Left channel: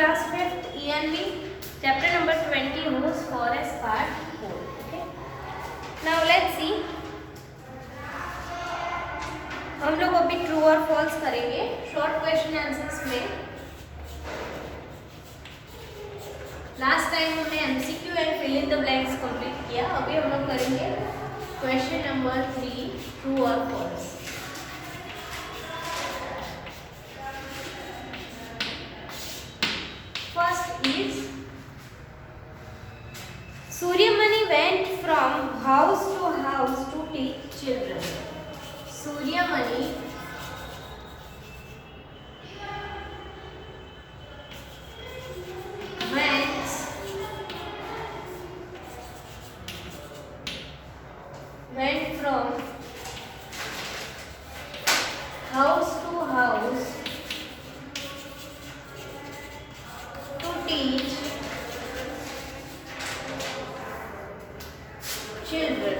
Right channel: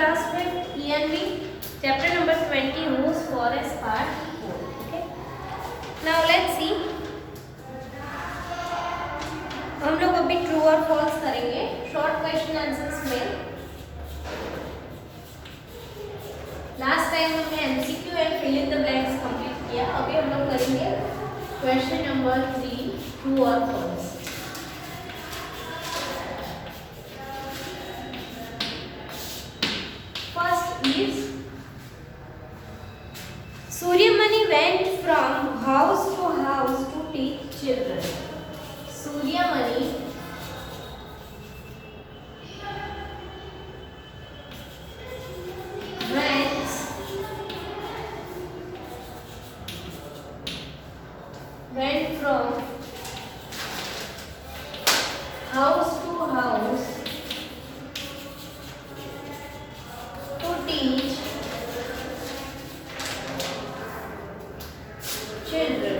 class 5th ENV chapter number 20 whose forest part 4. Okay, now let's see. हम लोग अभी ट्रू और फॉल्स करेंगे शॉर्ट क्वेश्चन आंसर्स में. लास्ट टाइम हमने MCQ and fill in the blanks complete किया. अभी हम लोग करेंगे क्वेश्चन नंबर 3 ट्रू और false. First is Suryamani went from house to house to teach children. Suryamani went from house to house to teach children.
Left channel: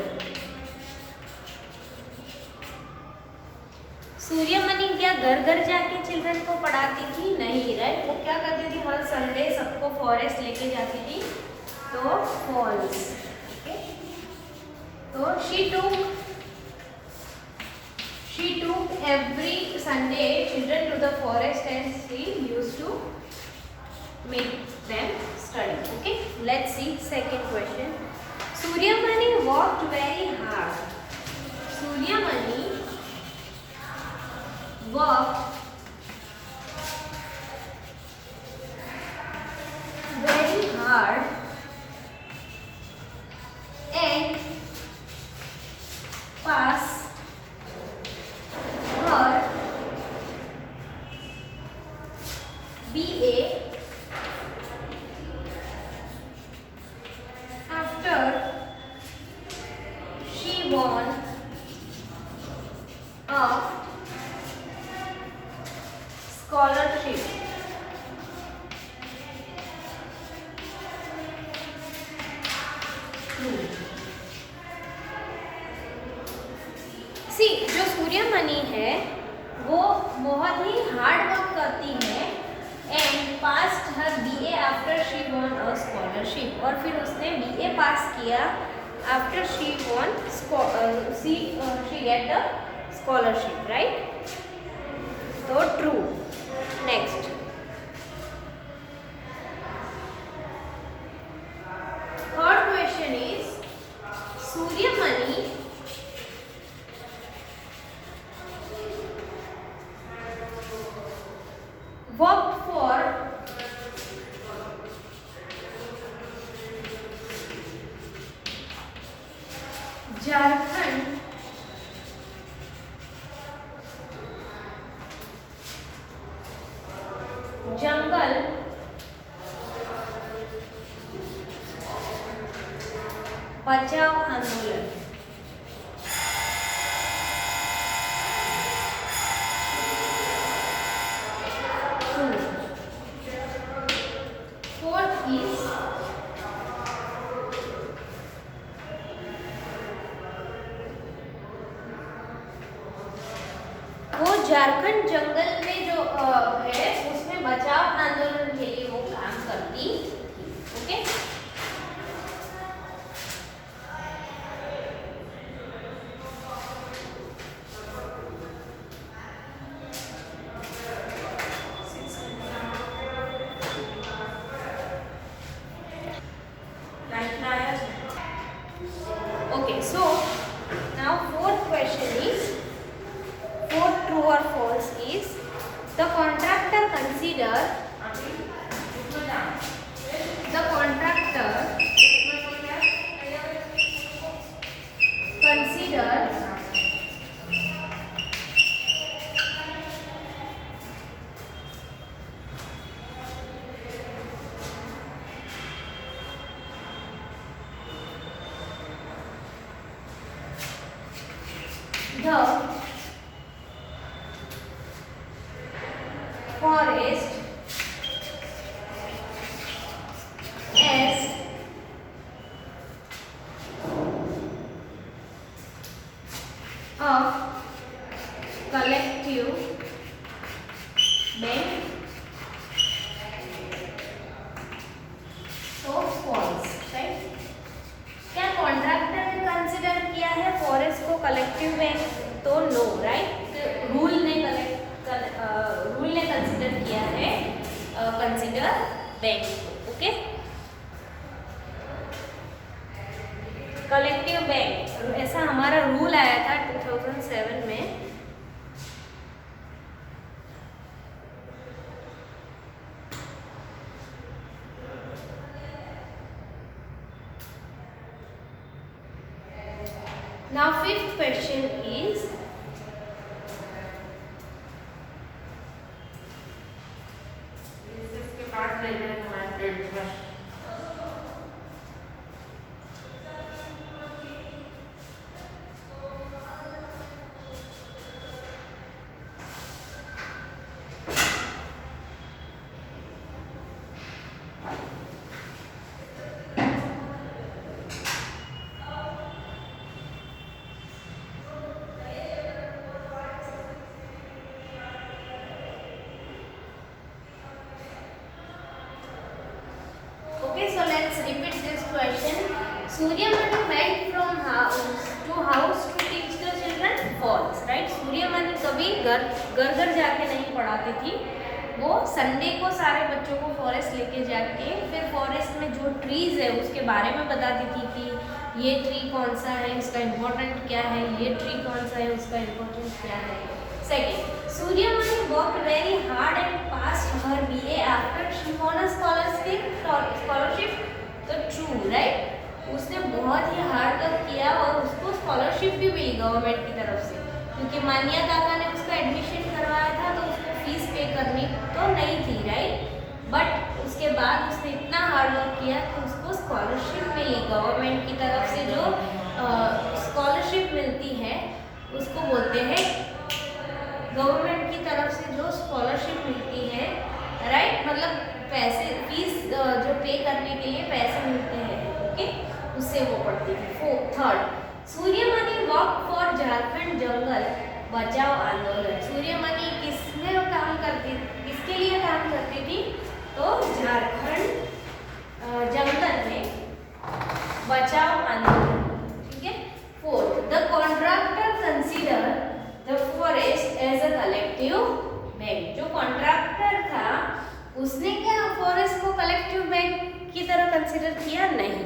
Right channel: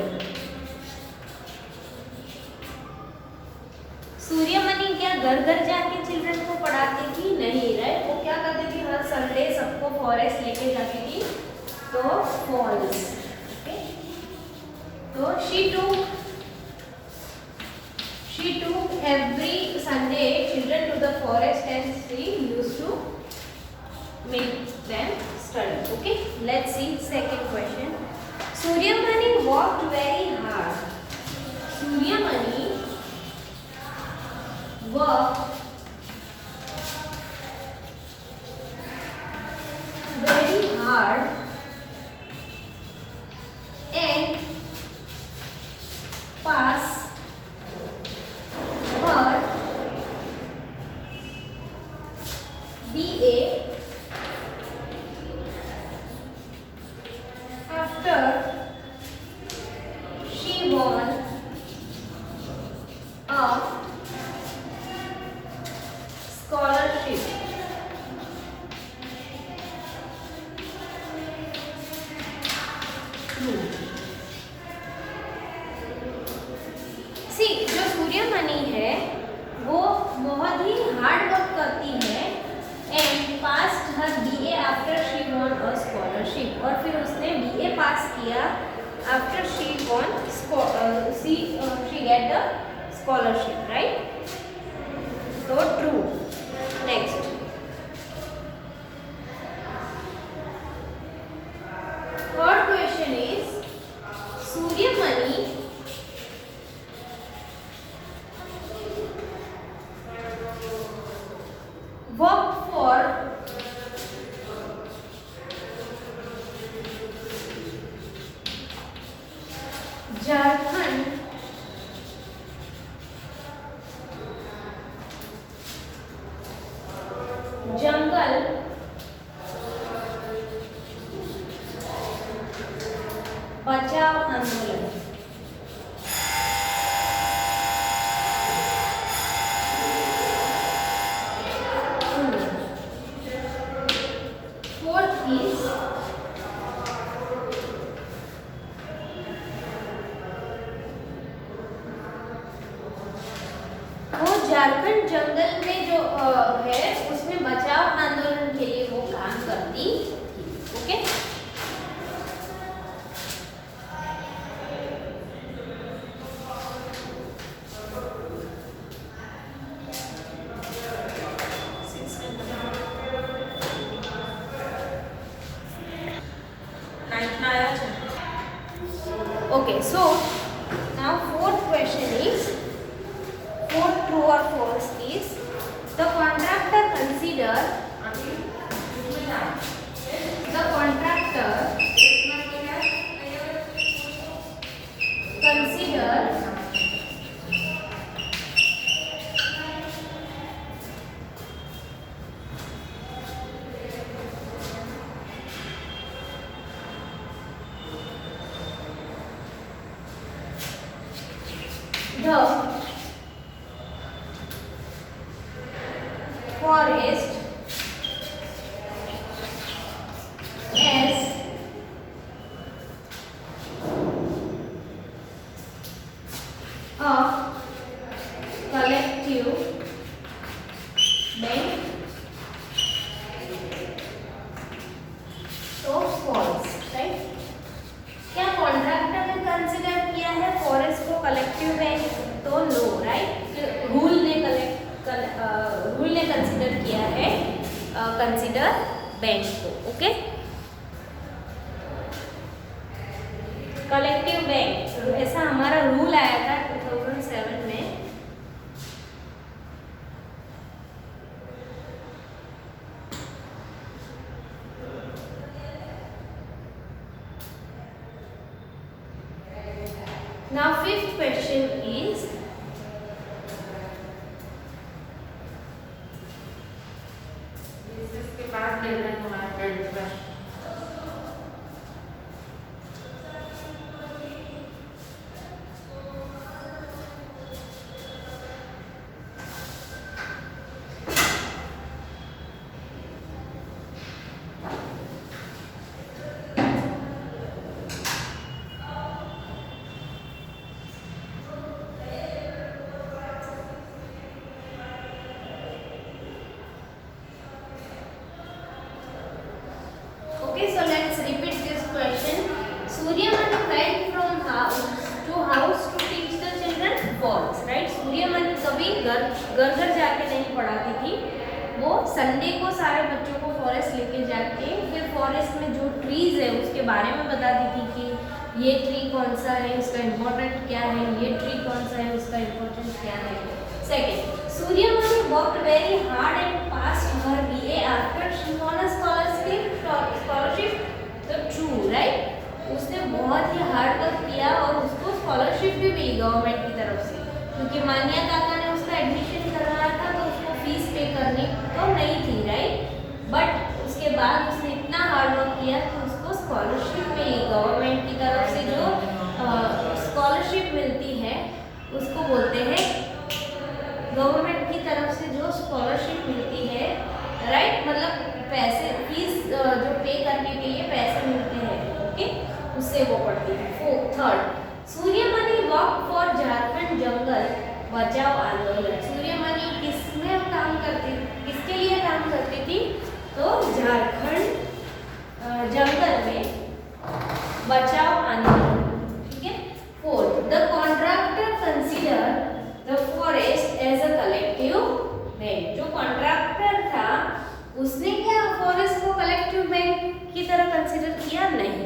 Suryamani क्या घर घर जाके चिल्ड्रन को पढ़ाती थी? नहीं, राइट. वो क्या करती थी? हर संडे सबको फॉरेस्ट लेके जाती थी. तो फॉल्स. ओके, तो she took every Sunday children to the forest and she used to make them study. Okay, let's see second question. Suryamani worked very hard. Suryamani worked very hard and passed her BA after she won a scholarship. सी जो सूर्यमणि है वो बहुत ही hard work करती है and passed her BA after she won a scholarship. और फिर उसने BA pass किया after she won she get the scholarship, right. तो true. Next third question is Suryamani worked for Jharkhand Jangal Bachao Andolan. Fourth is वो झारखंड जंगल में जो है उसमें बचाव आंदोलन के लिए वो काम करती थी. Okay, okay, so now fourth question is fourth true or false is the contractor consider the forest as a collective bank consider bank को. ओके, कलेक्टिव बैंक ऐसा हमारा रूल आया था 2007 में. Now fifth question is इसके बाद ले लेना तुम्हारे पेट का. Okay, so let's repeat this question. Suryamani went from house to teach the children false, right? Suryamani कभी घर जाके नहीं पढ़ाती थी. वो संडे को सारे बच्चों को फॉरेस्ट लेके जाके फिर फॉरेस्ट में जो ट्रीज है उसके बारे में बताती थी कि ये ट्री कौन सा है, उसका इम्पोर्टेंट क्या है, ये ट्री कौन सा है, उसका इम्पोर्टेंट क्या है. Second, Suryamani worked very hard and passed her BA after she won a scholarship. तो true, right? उसने बहुत ही हार्ड वर्क किया और उसको स्कॉलरशिप भी मिली गवर्नमेंट की तरफ से, क्योंकि मानिया काका ने उसका एडमिशन करवाया था तो उसको फीस पे करनी तो नहीं थी, राइट. बट उसके बाद उसने इतना हार्ड वर्क किया कि उसको स्कॉलरशिप मिली गवर्नमेंट की तरफ से. जो स्कॉलरशिप मिलती है उसको बोलते हैं गवर्नमेंट की तरफ से जो स्कॉलरशिप मिलती है, राइट. मतलब पैसे फीस जो पे करने के लिए पैसे मिलते हैं, ओके, उससे वो पढ़ती है. Third, Suryamani walk for Jharkhand Jangal Bachao Andolan. सूर्यमणि किसमें काम करती, किसके लिए काम करती थी? तो झारखंड जंगल में बचाओ आंदोलन. ठीक है. Fourth, the contractor consider the forest as a collective bank. जो कॉन्ट्रैक्टर था उसने क्या फॉरेस्ट को कलेक्टिव बैंक की तरह कंसीडर किया? नहीं,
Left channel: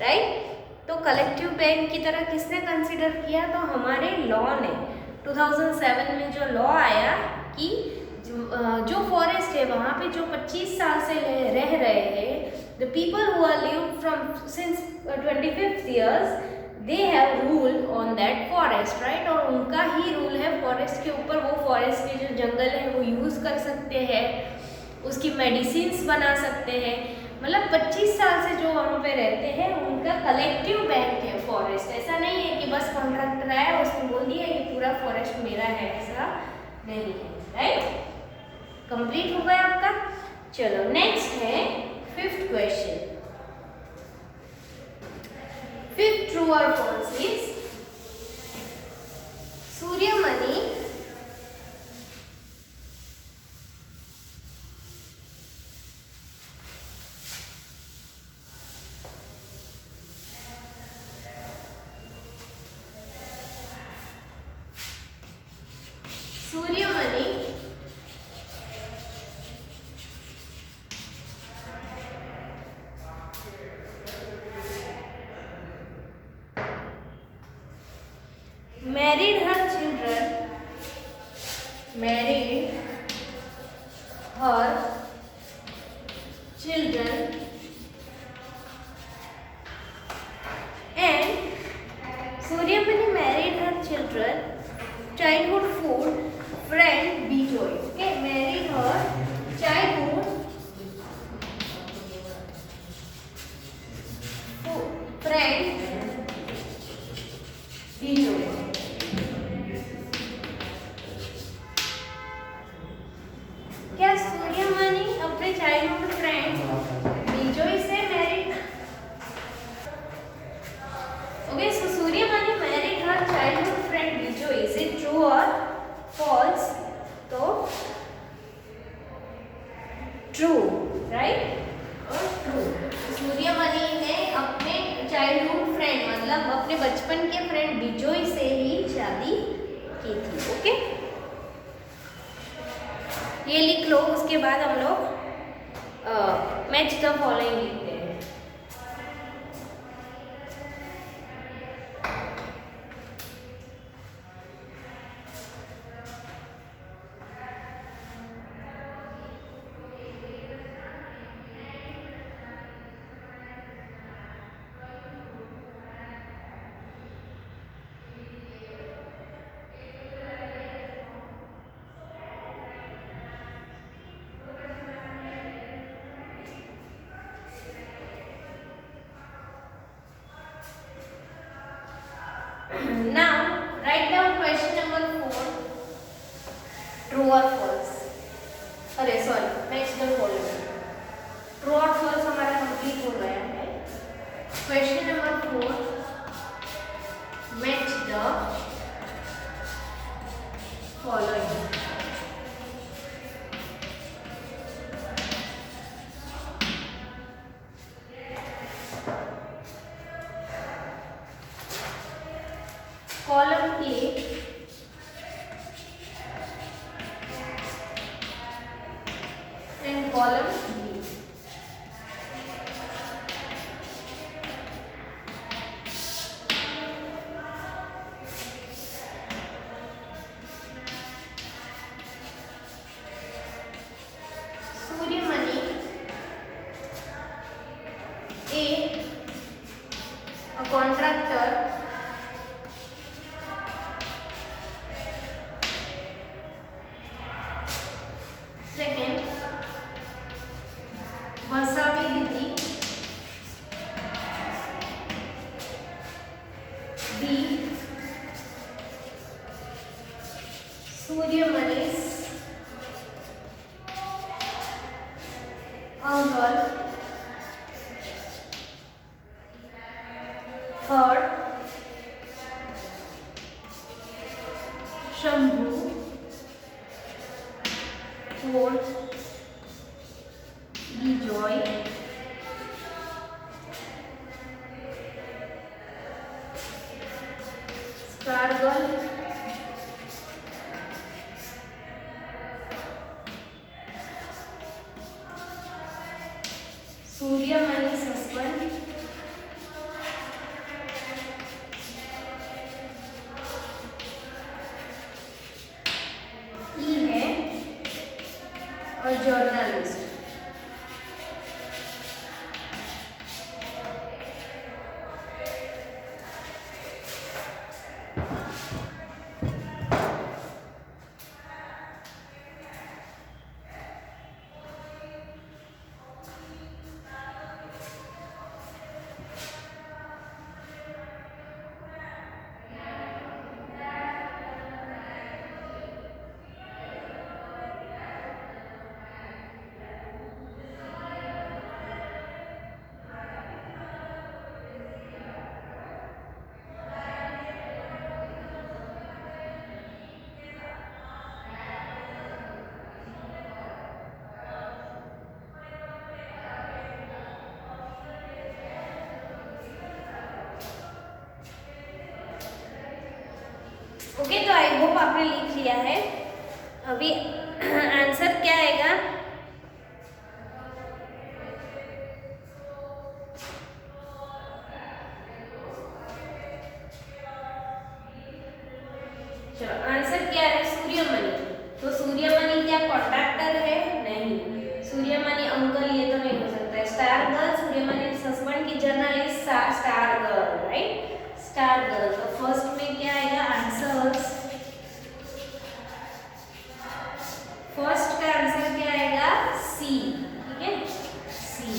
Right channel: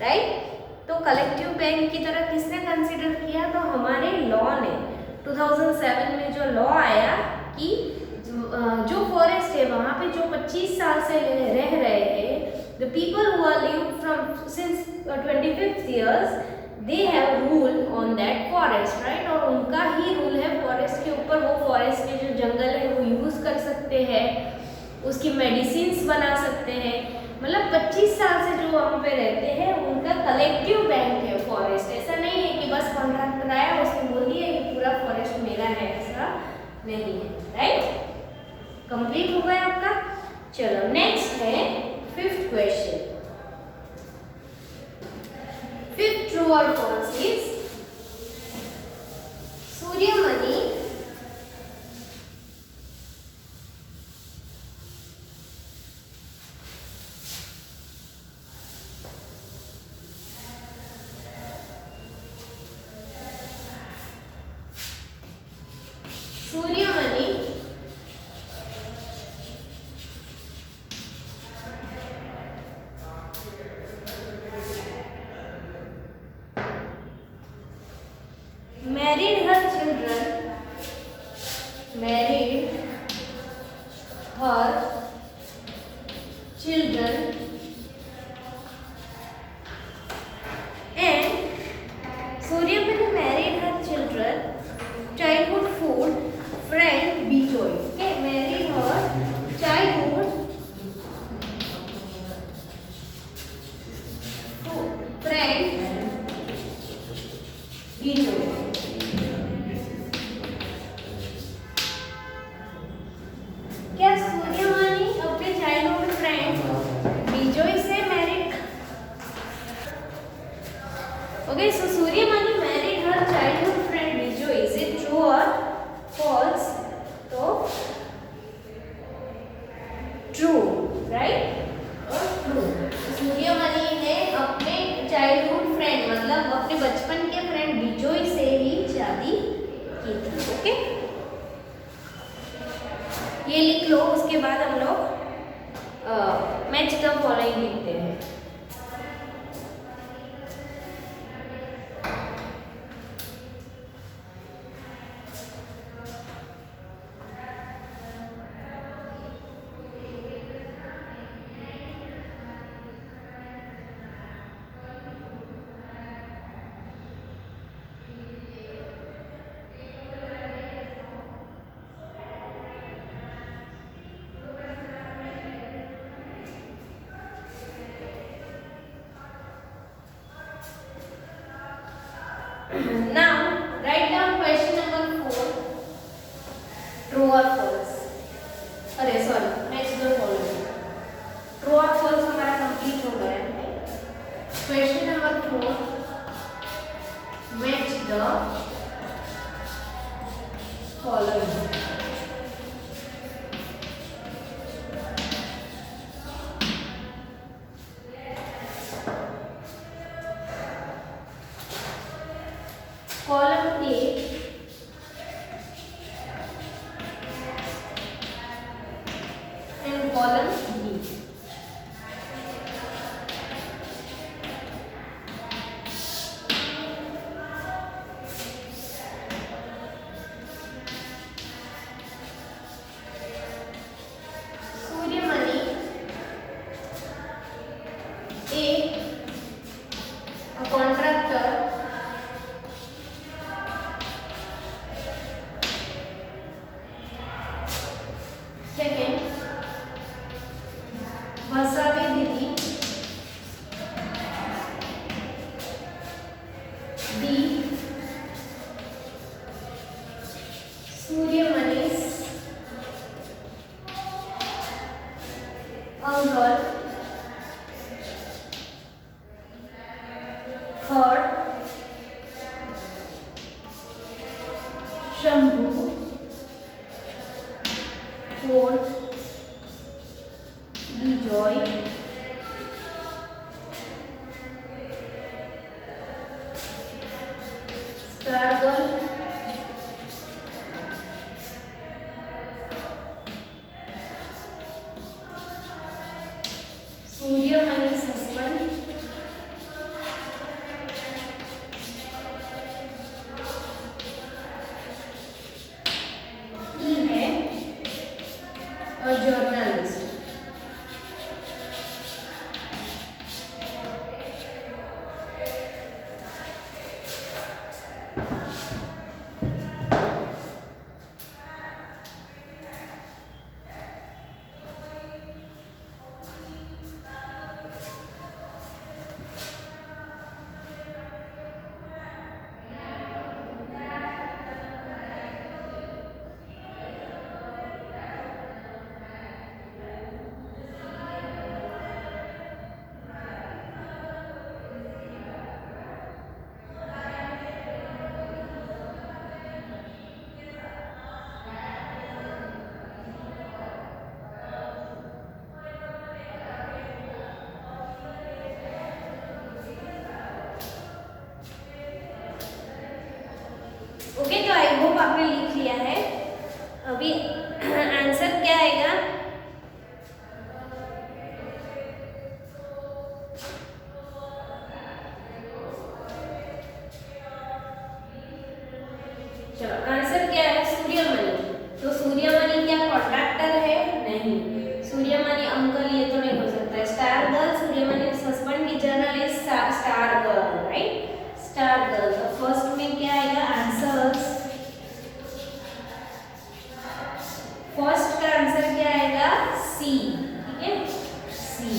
राइट. तो कलेक्टिव बैंक की तरह किसने कंसीडर किया? तो हमारे लॉ ने 2007 में जो लॉ आया कि जो फॉरेस्ट है वहाँ पे जो 25 साल से रह रहे हैं, the people who are live from since 25 years, they have rule on that forest, right? और उनका ही रूल है फॉरेस्ट के ऊपर. वो फॉरेस्ट के जो जंगल है वो यूज़ कर सकते हैं, उसकी मेडिसिन्स बना सकते हैं. मतलब 25 साल से जो वहाँ पे रहते हैं उनका कलेक्टिव बैंक है फॉरेस्ट. ऐसा नहीं है कि बस कॉन्ट्रैक्टर आया उसने बोल दिया ये पूरा फॉरेस्ट मेरा है, ऐसा नहीं है, राइट. कंप्लीट हो गया आपका. चलो नेक्स्ट है फिफ्थ क्वेश्चन. फिफ्थ ट्रू और false is Suryamani married her children and Suryamani married her children childhood food friend Bijoy. Okay, married her childhood friend Bijoy. क्या सूर्यमणि अपने चाइल्डहुड फ्रेंड बिजोय से मैरिड? ओके, सो सूर्यमणि मैरिड her childhood friend Bijoy. Is it true और फॉल्स? तो true, right और ट्रू. सूर्यमणि ने अपने childhood friend मतलब अपने बचपन के फ्रेंड बिजोय से ही शादी की थी. ओके, ये लिख लो. उसके बाद हम लोग मैच द फॉलोइंग लिखते हैं। Now write down question number 4, true or false। अरे sorry, match the following. True और फॉल्स हमारा कंप्लीट हो गया है। Question number 4, match the following. Column A and column B. Suryamani A, a contractor, second Vasavi दीदी B, Suryamanish uncle, third Shambhu, fourth Vijay, star girl, Suryamani suspend, E है और journalist. Okay, तो I hope आपने लिख लिया है। अभी आंसर क्या आएगा? चलो, आंसर क्या है? सूर्यमणि। तो सूर्यमणि क्या कॉन्ट्रैक्टर है? नहीं। सूर्यमणि अंकल ये तो नहीं हो सकता है। स्टार गर्ल, सूर्यमणि सस्पेंड की journalist star girl, right? Star girl. तो फर्स्ट में क्या आएगा? आंसर्स। फर्स्ट का आंसर क्या आएगा? सी। ठीक है, सी।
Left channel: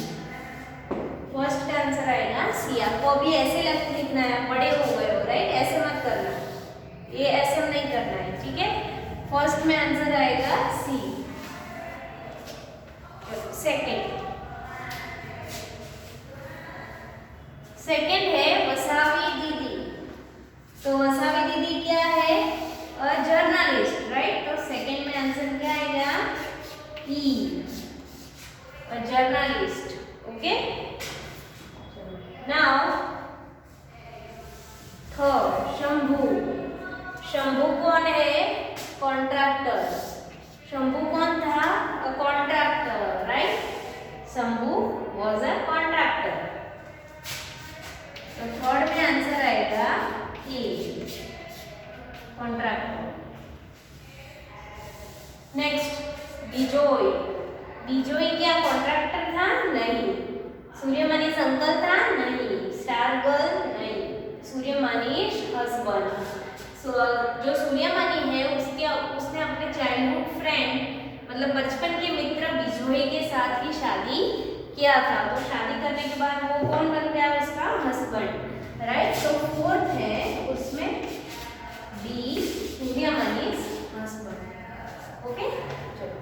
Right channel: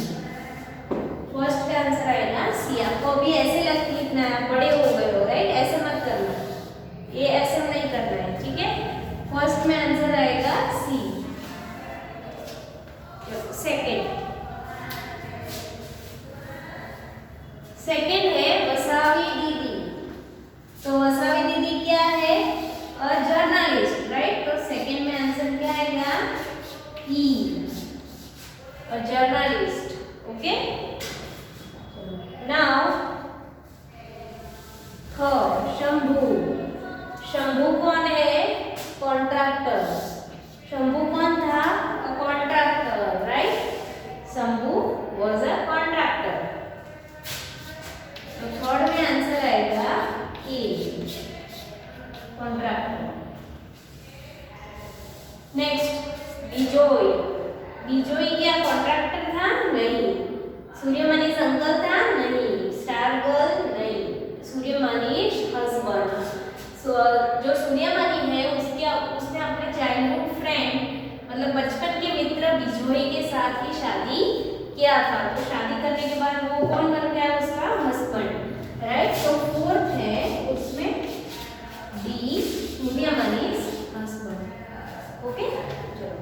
फर्स्ट का आंसर आएगा सी। आपको अभी ऐसे लिखना है, बड़े हो गए हो, राइट? ऐसे मत करना, ये ऐसे नहीं करना है, ठीक है? फर्स्ट में आंसर आएगा सी। सेकंड है वसावी दीदी। तो वसावी दीदी क्या है? A journalist, right? तो सेकंड में आंसर क्या आएगा? E, a journalist. Okay, now third Shambhu. Shambhu कौन है? कॉन्ट्रैक्टर। शंभू कौन था? A contractor, right? Shambhu was a contractor. तो थर्ड में आंसर आएगा ए, कॉन्ट्रैक्टर। नेक्स्ट बिजोय। बिजोय क्या कॉन्ट्रैक्टर था? नहीं। सूर्यमणि अंकल था? नहीं। Star girl? नहीं। सूर्यमणि's हस्बैंड। जो सूर्यमणि है उसने अपने चाइल्डहुड फ्रेंड मतलब बचपन के मित्र बिजोय के साथ ही शादी किया था। तो शादी करने के बाद वो कौन बन गया? उसका हस्बैंड, राइट। तो फोर्थ है उसमें डी, सूर्यमणि's हस्बैंड। ओके, चलो।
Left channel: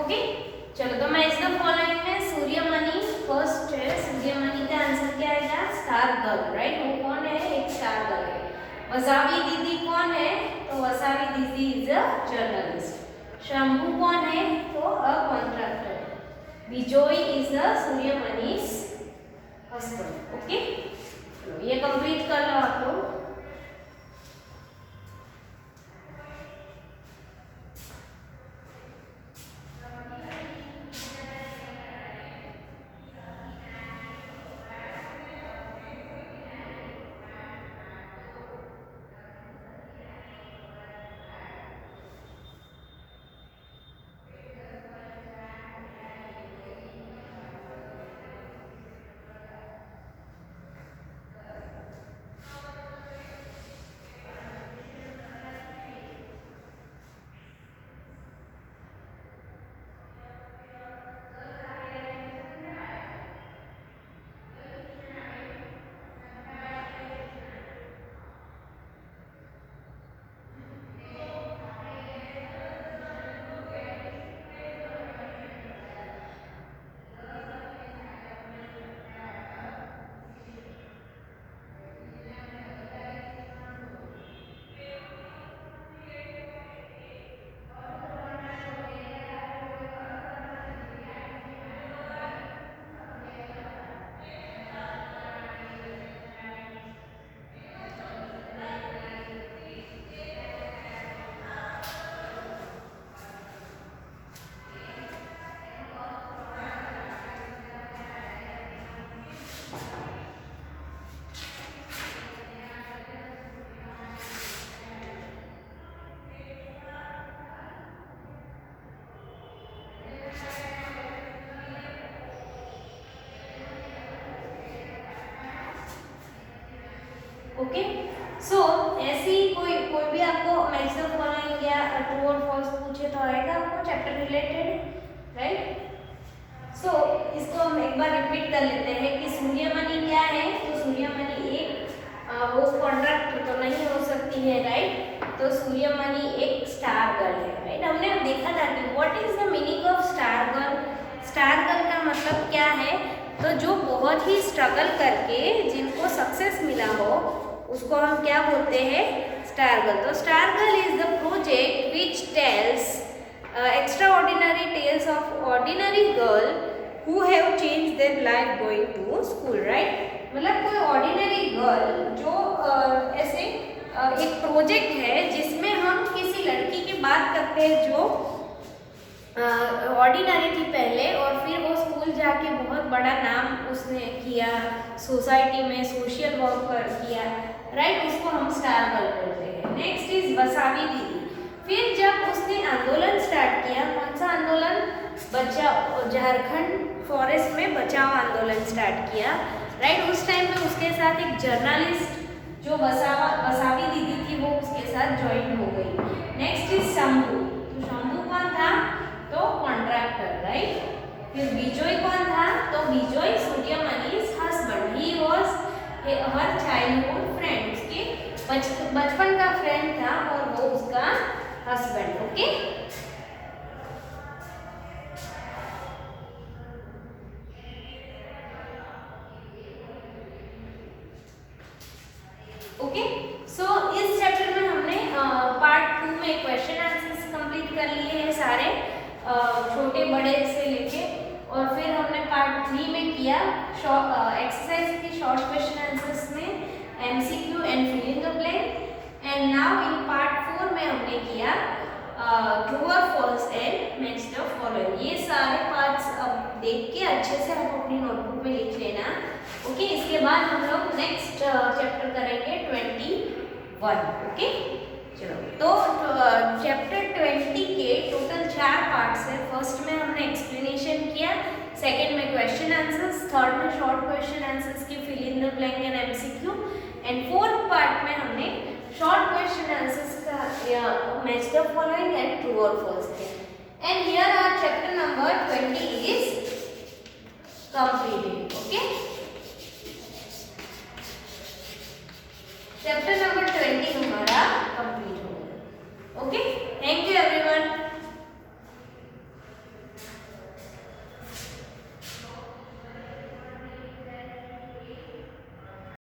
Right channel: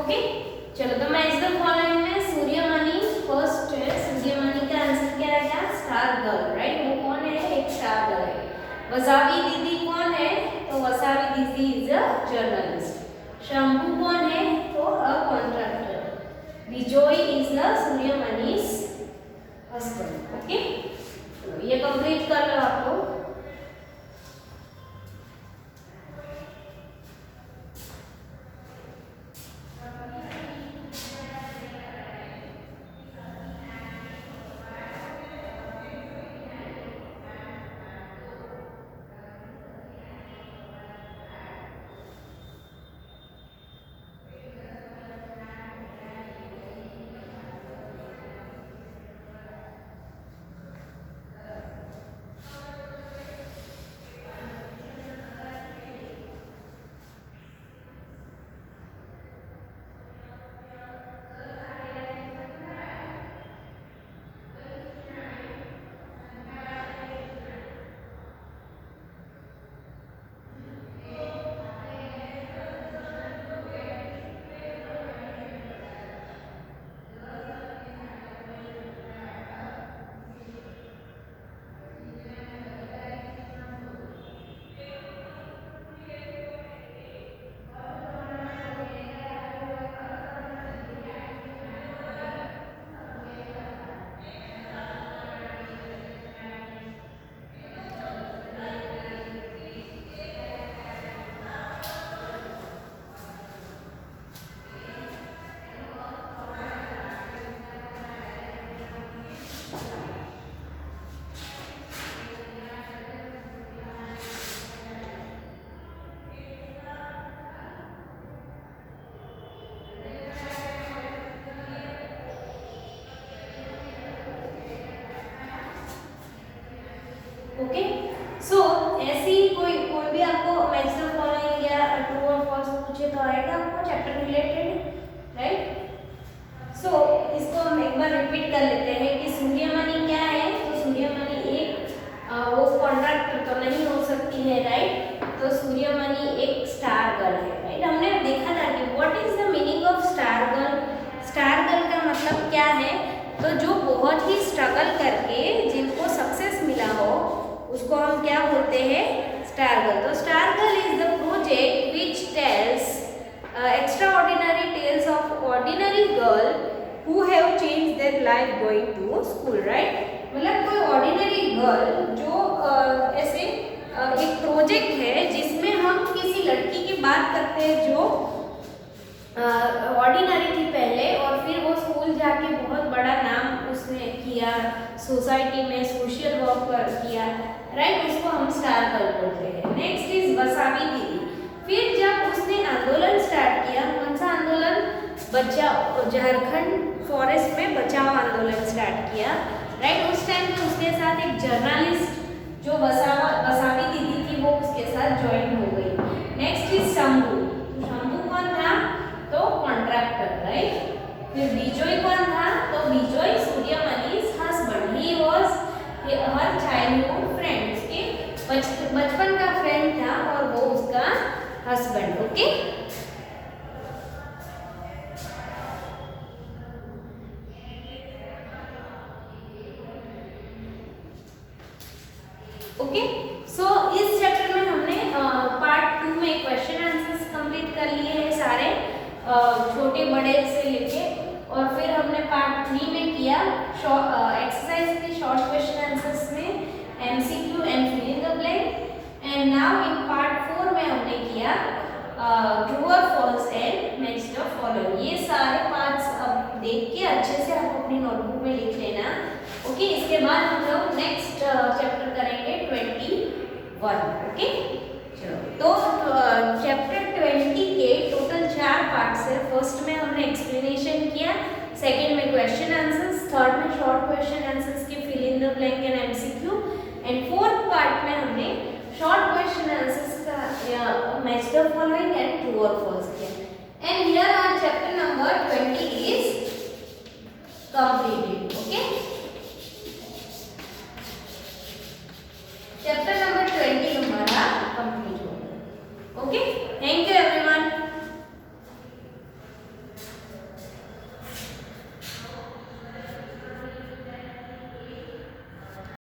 ओके, चलो। तो मैं इसका फॉलोइंग में सूर्यमणि फर्स्ट है। सूर्यमणि का आंसर क्या आएगा? Star girl, right. वो कौन है? एक स्टार गर्ल है। वसावी दीदी कौन है? तो वसावी दीदी इज अ जर्नलिस्ट। शंभू कौन है? तो a contractor. Bijoy is the Suryamani's husband. Okay, ये कंप्लीट कर लो आप लोग। ओके, सो ऐसी कोई भी आपको मैच द फॉलोइंग या ट्रू और फॉल्स पूछे तो आएगा आपको चैप्टर रिलेटेड, राइट। सो इसको हम एक बार रिपीट कर लेते हैं कि सूर्यमणि क्या है। तो सूर्यमणि एक वो कॉन्ट्रैक्टर तो नहीं हो सकती है, राइट। तो सूर्यमणि एक स्टार गर्ल है, राइट। हमने देखा था कि what is the meaning of star girl. Star girl का मतलब क्या है? तो जो बहुत ही स्ट्रगल करके जिनको सक्सेस मिला हो उसको हम क्या बोलते हैं? Star girl. तो star girl is the project which tells extraordinary tales of ordinary girl who have changed their life going to school, right। मतलब कोई ऑर्डिनरी गर्ल जो ऐसे एक प्रोजेक्ट है जिसमें हम किसी लड़की की बात करते हैं जो ऑर्डिनरी थी पहले और फिर वो स्कूल जाके बहुत बड़ा नाम उसने किया, सोसाइटी में सोशल वर्क किया, राइट। उसको हम स्टार गर्ल बोलते हैं। नेक्स्ट इज वसावी दीदी। फिर जब उसने आंदोलन स्टार्ट किया, कौन सा आंदोलन? बचाओ, झारखंड फॉरेस्ट में बचाओ आंदोलन स्टार्ट किया, राइट। उस टाइम पे उसके साथ एक जर्नलिस्ट जो वसावी दीदी थी वो उसके साथ ज्वाइन हो गई। Next is Shambhu. तो शंभू कौन था? तो कॉन्ट्रैक्टर, राइट। फिर विजय कौन था? तो Vijay Suryamani's husband, he was her childhood friend, उसके बचपन का फ्रेंड था और वो उसका हस्बैंड। Okay, okay. सो इस चैप्टर में हमने पार्ट 2 में क्वेश्चन आंसर्स कंप्लीट कर लिए हैं सारे, छोटे बड़े से लेके, और फिर हमने पार्ट 3 में किया एक्सरसाइज के शॉर्ट क्वेश्चन आंसर्स में MCQ and fill in the blank. And now in part 4 में हमने किया ट्रू और false and match the following. ये सारे पार्ट्स अब देख के अच्छे से आप अपनी नोटबुक में लिख लेना। ओके, इसके बाद हम लोग नेक्स्ट चैप्टर करेंगे 21। ओके, चलो। तो चैप्टर 20 के टोटल 4 पार्ट्स है। फर्स्ट में हमने एक्सप्लेनेशन किया, सेकंड में क्वेश्चन आंसर्स, थर्ड में शॉर्ट क्वेश्चन आंसर्स के fill in the blank and MCQ, and fourth part में हमने शॉर्ट क्वेश्चन आंसर्स का match the following and true और फॉल्स किया। And here our chapter number 20 इज